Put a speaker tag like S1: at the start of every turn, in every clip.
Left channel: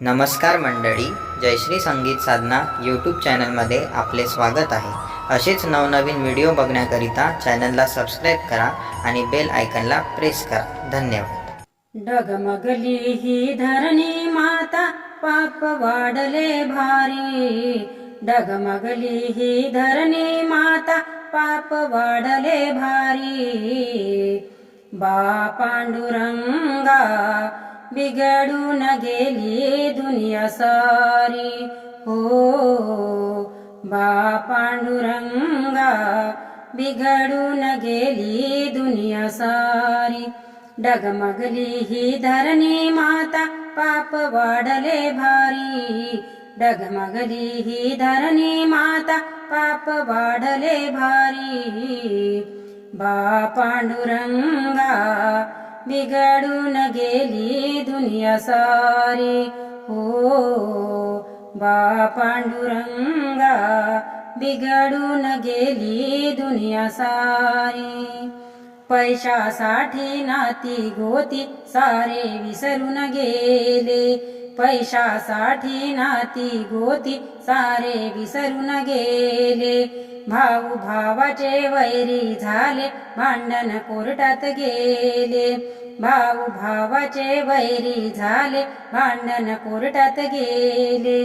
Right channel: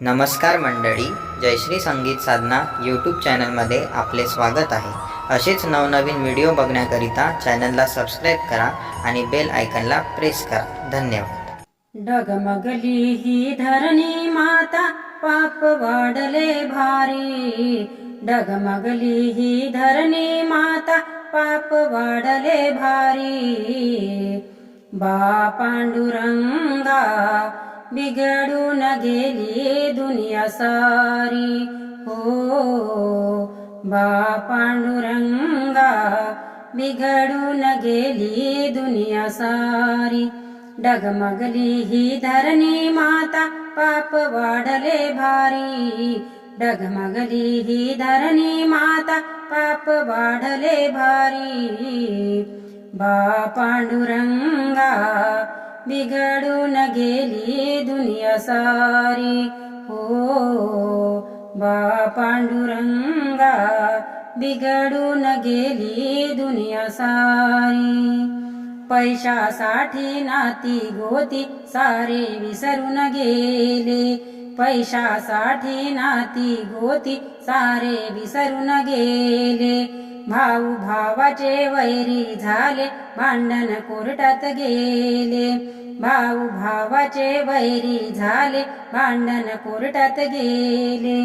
S1: नमस्कार मंडळी जयश्री संगीत साधना यूट्यूब चॅनलमध्ये आपले स्वागत आहे. असेच नवनवीन व्हिडिओ बघण्याकरिता चॅनलला सबस्क्राईब करा आणि बेल आयकनला प्रेस करा. धन्यवाद.
S2: डगमगली ही धरणी माता पाप वाढले भारी. डगमगली ही धरणी माता पाप वाढले भारी. बा पांडुरंगा बिघडून गेली दुनिया सारी. हो बा पांडुरंगा बिघडून गेली दुनिया सारी. डगमगली ही धरणी माता पाप वाढले भारी. डगमगली ही धरणी माता पाप वाढले भारी. बा पांडुरंगा बिघडून गेली दुनिया सारी. हो बा पांडुरंगा बिघडून गेली दुनिया सारी. पैशासाठी नाती गोती सारे विसरून गेले. पैशासाठी नाती गोती सारे विसरून गेले. भाऊ भावाचे वैरी झाले भांडण कोर्टात गेले. भाऊ भावाचे वैरी झाले भांडण कोर्टात गेले.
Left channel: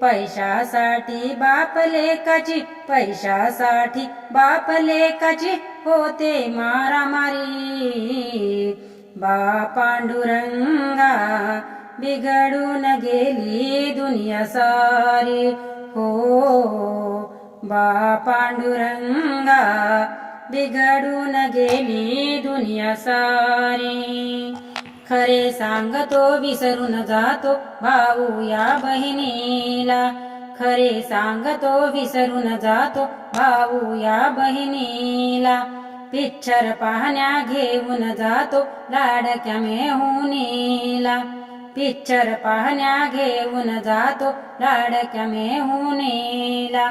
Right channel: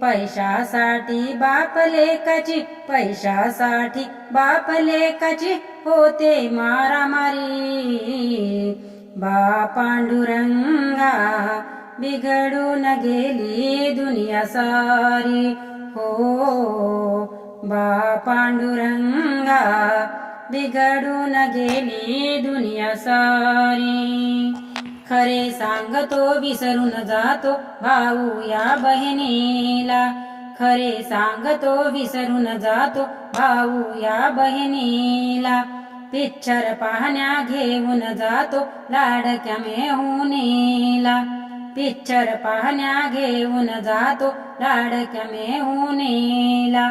S2: पैशासाठी बाप लेकाची पैशासाठी बाप लेकाची होते मारामारी. बा पांडुरंगा बिघडून गेली दुनिया सारी. हो बा पांडुरंगा बिघडून गेली दुनिया सारी. खरे सांगतो विसरून जातो भाऊ या बहिणीला. खरे सांगतो विसरून जातो भाऊ या बहिणीला. पिक्चर पाहण्या घेऊन जातो लाडक्या मेहुनीला. पिक्चर पाहण्या घेऊन जातो लाडक्या मेहुनीला.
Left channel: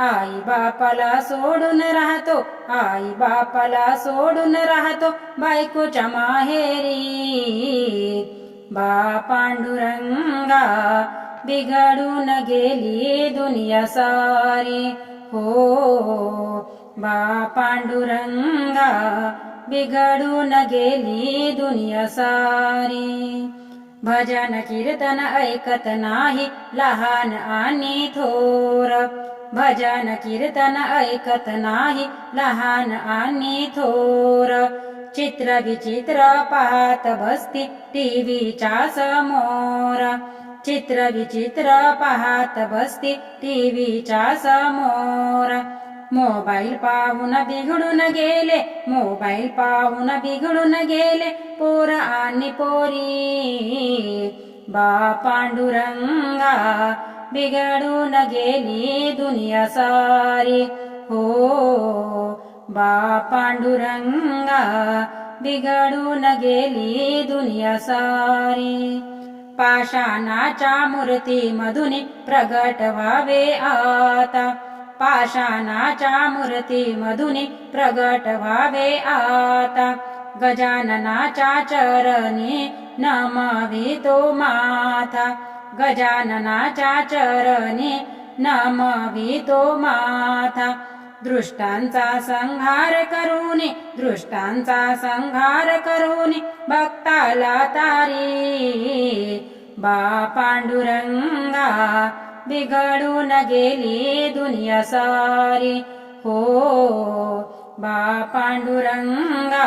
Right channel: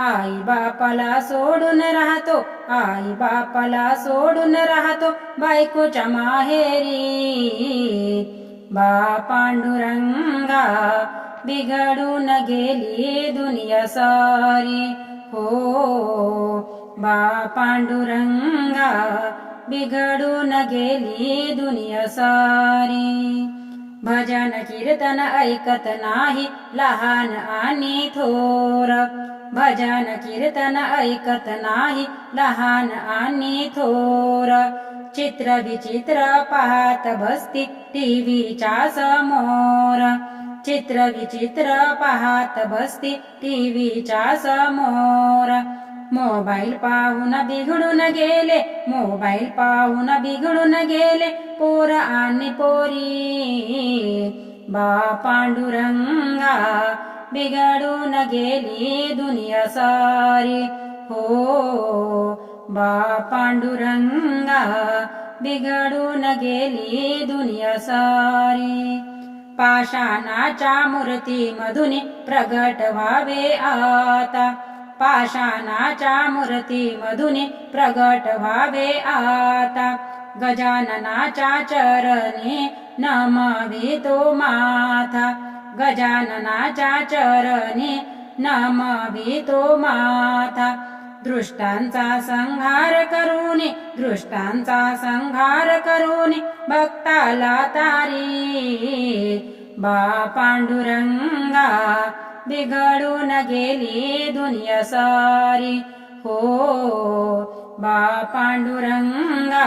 S2: आई बापाला सोडून राहतो आई बापाला सोडून राहतो बायकोच्या माहेरी. बा पांडुरंगा बिघडून गेली दुनिया सारी. हो बा पांडुरंगा बिघडून गेली दुनिया सारी. भजन कीर्तन ऐकत नाही लहान आणि थोर. भजन कीर्तन ऐकत नाही लहान आणि थोर. चित्र विचित्र पाहत बसती टीव्हीच्या समोर. चित्र विचित्र पाहत बसती टीव्हीच्या समोर. मोबाईल पाहून बिघडून गेले मोबाईल पाहून बिघडून गेले पोर आणि पोरी. बा पांडुरंगा बिघडून गेली दुनिया सारी। हो बा पांडुरंगा बिघडून गेली दुनिया सारी। पाषाणाच्या मूर्ती मधून प्रगट व्हावे आता। पाषाणाच्या मूर्ती मधून प्रगट व्हावे आता। गजाननाच्या चरणी नमवितो माथा गजाननाच्या चरणी नमवितो माथा. दृष्टांचा संहार करुणी दृष्टांचा संहार करूनी भक्ताला तारी. बा पांडुरंगा बिघडून गेली दुनिया सारी. हो बा पांडुरंगा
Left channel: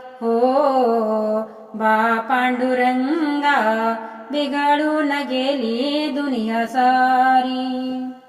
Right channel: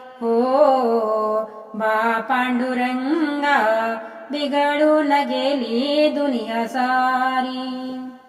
S2: हो बा पांडुरंगा बिघडून गेली दुनिया सारी.